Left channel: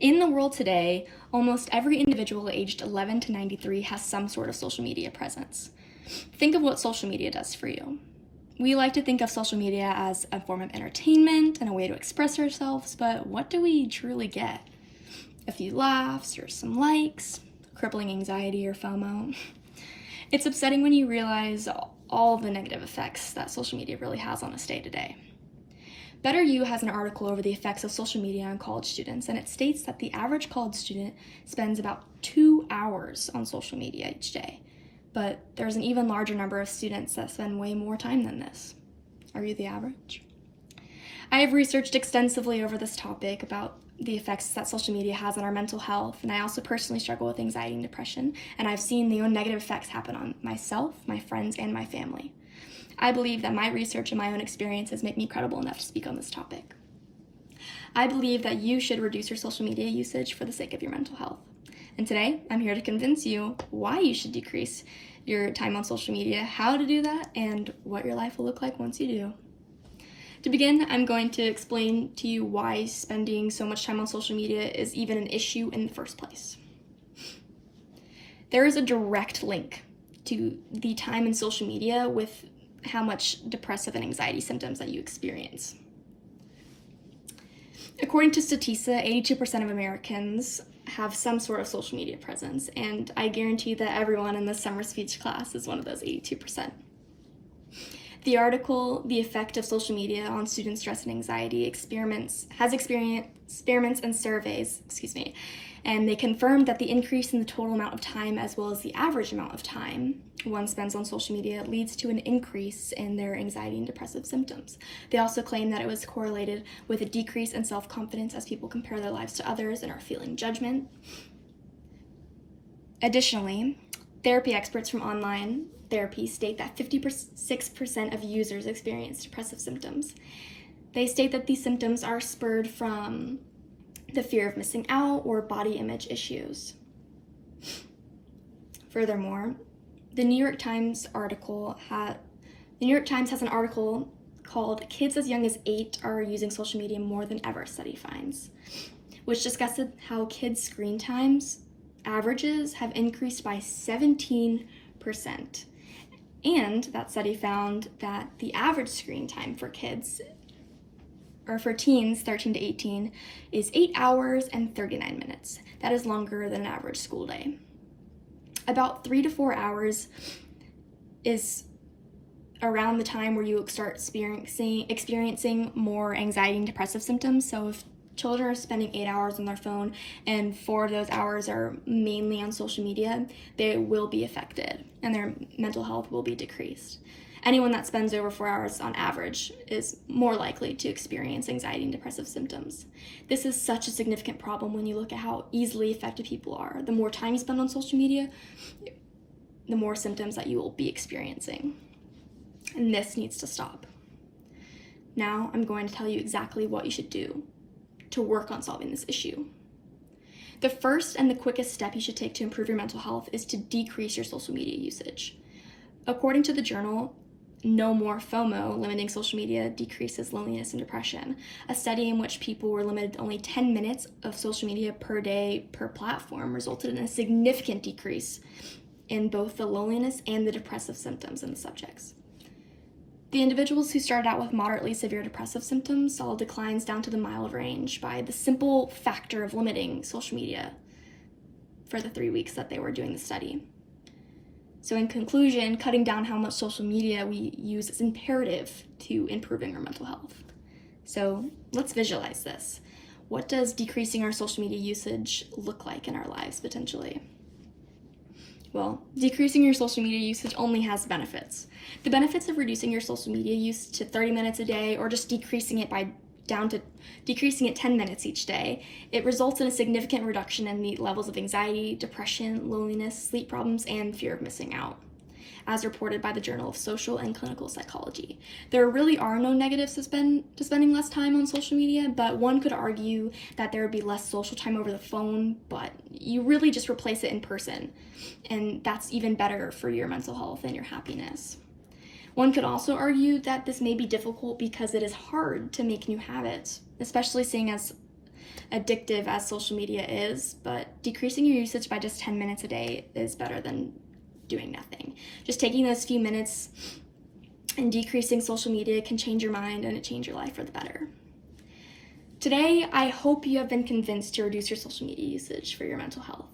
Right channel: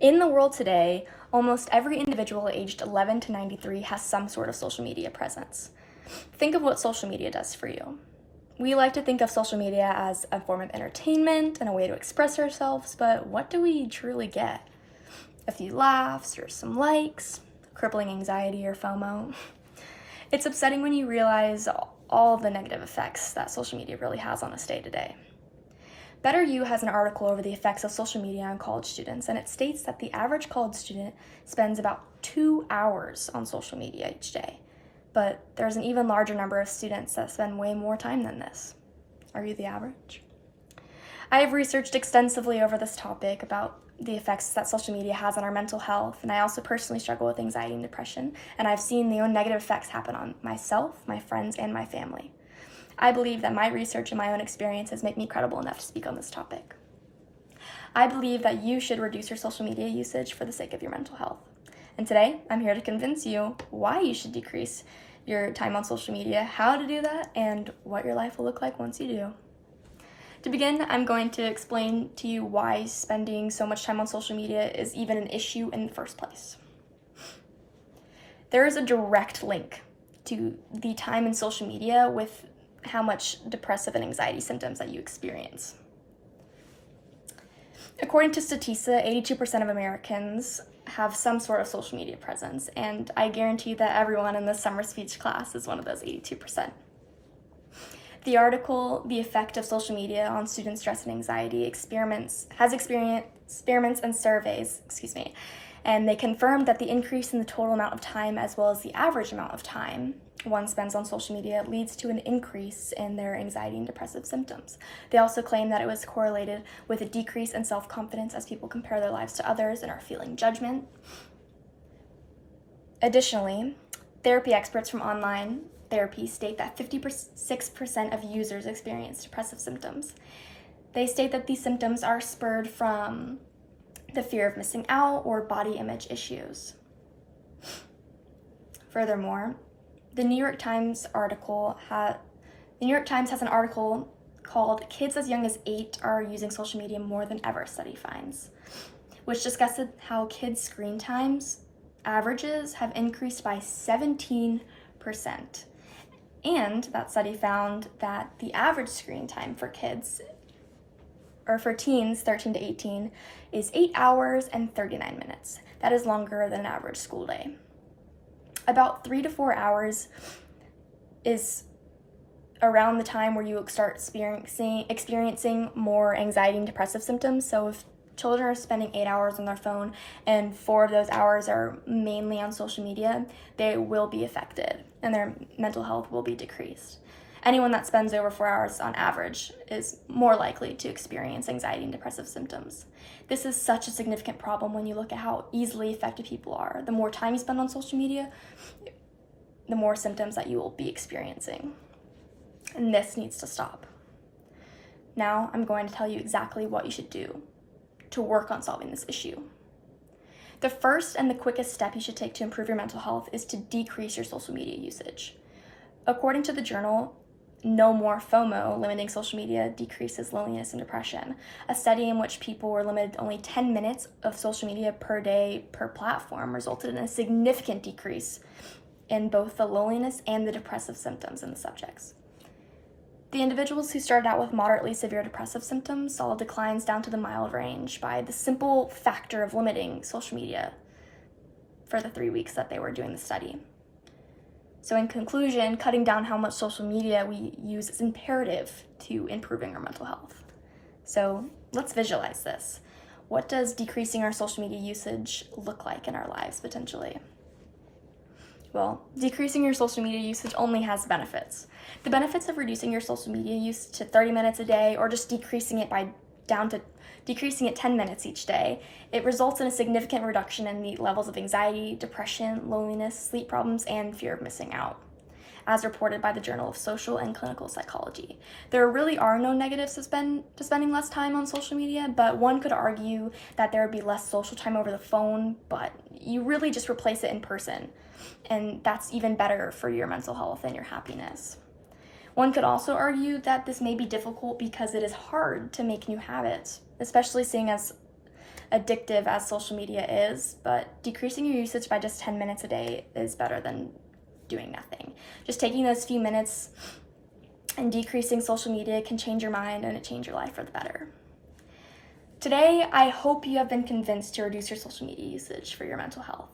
In the world today, almost every individual aged 11 to 93 has some sort of social media presence. Think of what social media does for you. We like to think of social media as a form of entertainment and a way to express ourselves, but what do we truly get? A few laughs or some likes, crippling anxiety or FOMO. It's upsetting when you realize all the negative effects that social media really has on us day to day. Better You has an article over the effects of social media on college students, and it states that the average college student spends about 2 hours on social media each day. But there's an even larger number of students that spend way more time than this. Are you the average? I have researched extensively over this topic about the effects that social media has on our mental health, and I also personally struggle with anxiety and depression, and I've seen the own negative effects happen on myself, my friends, and my family. I believe that my research and my own experiences make me credible enough to speak on this topic. I believe that you should reduce your social media usage for the sake of your mental health. And today, I'm here to convince you why you should decrease your time on social media, how to do that, and what your life will look like once you do. To begin, I'm going to explain to you why spending so much time on social media is even an issue in the first place. There is a direct link to the time in social media with how much depressive and anxiety symptoms that you experience. According to Statista, 82% of Americans have some sort of social media presence, and I guarantee that everyone in this summer speech class is one of those 82%. The article, The Effect of Social Media on Student Stress and Anxiety, experiments and surveys, and they confirmed that the increase in the total amount of time as well as the average amount of time one spends on social media leads to an increase in their anxiety and depressive symptoms. They also claim that it was correlated with a decrease in self-confidence as people compare their lives to others and are feeling judgment. Additionally, therapy experts from online therapy state that 56% of users experience depressive symptoms. They state that these symptoms are spurred from the fear of missing out or body image issues. Furthermore, the New York Times has an article called "Kids as Young as 8 Are Using Social Media More Than Ever," study finds, which discusses how kids' screen times averages have increased by 17%. And that study found that the average screen time for kids, or for teens 13 to 18, is 8 hours and 39 minutes. That is longer than an average school day. About 3 to 4 hours is around the time where you start experiencing more anxiety and depressive symptoms. So if children are spending 8 hours on their phone and 4 of those hours are mainly on social media, they will be affected and their mental health will be decreased. Anyone that spends over 4 hours on average is more likely to experience anxiety and depressive symptoms. This is such a significant problem when you look at how easily affected people are. The more time you spend on social media, the more symptoms that you will be experiencing. And this needs to stop. Now I'm going to tell you exactly what you should do to work on solving this issue. The first and the quickest step you should take to improve your mental health is to decrease your social media usage. According to the journal No More FOMO, limiting social media decreases loneliness and depression. A study in which people were limited only 10 minutes of social media per day per platform resulted in a significant decrease in both the loneliness and the depressive symptoms in the subjects. The individuals who started out with moderately severe depressive symptoms saw declines down to the mild range by the simple factor of limiting social media for the 3 weeks that they were doing the study. So in conclusion, cutting down how much social media we use is imperative to improving our mental health. So let's visualize this. What does decreasing our social media usage look like in our lives potentially? Well, decreasing your social media usage only has benefits. The benefits of reducing your social media use to 30 minutes a day or just decreasing it 10 minutes each day, it results in a significant reduction in the levels of anxiety, depression, loneliness, sleep problems, and fear of missing out, as reported by the Journal of Social and Clinical Psychology. There really are no negatives to spending less time on social media, but one could argue that there would be less social time over the phone, but you really just replace it in person, and that's even better for your mental health and your happiness. One could also argue that this may be difficult because it is hard to make new habits, especially seeing as addictive as social media is, but decreasing your usage by just 10 minutes a day is better than doing nothing. Just taking those few minutes and decreasing social media can change your mind and it change your life for the better. Today, I hope you have been convinced to reduce your social media usage for your mental health.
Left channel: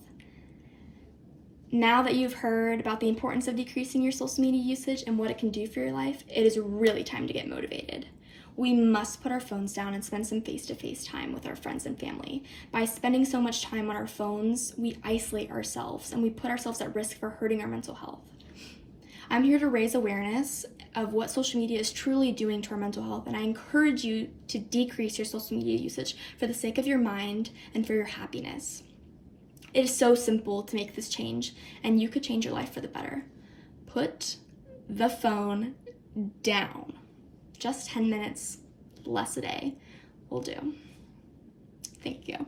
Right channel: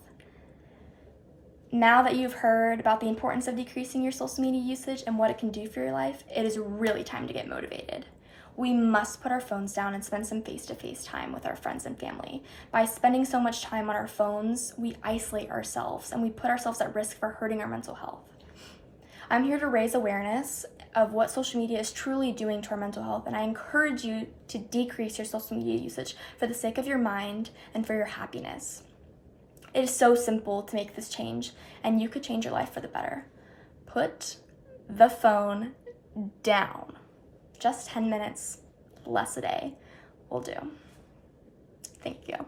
Now that you've heard about the importance of decreasing your social media usage and what it can do for your life, it is really time to get motivated. We must put our phones down and spend some face-to-face time with our friends and family. By spending so much time on our phones, we isolate ourselves and we put ourselves at risk for hurting our mental health. I'm here to raise awareness of what social media is truly doing to our mental health, and I encourage you to decrease your social media usage for the sake of your mind and for your happiness. It is so simple to make this change, and you could change your life for the better. Put the phone down. Just 10 minutes less a day will do. Thank you.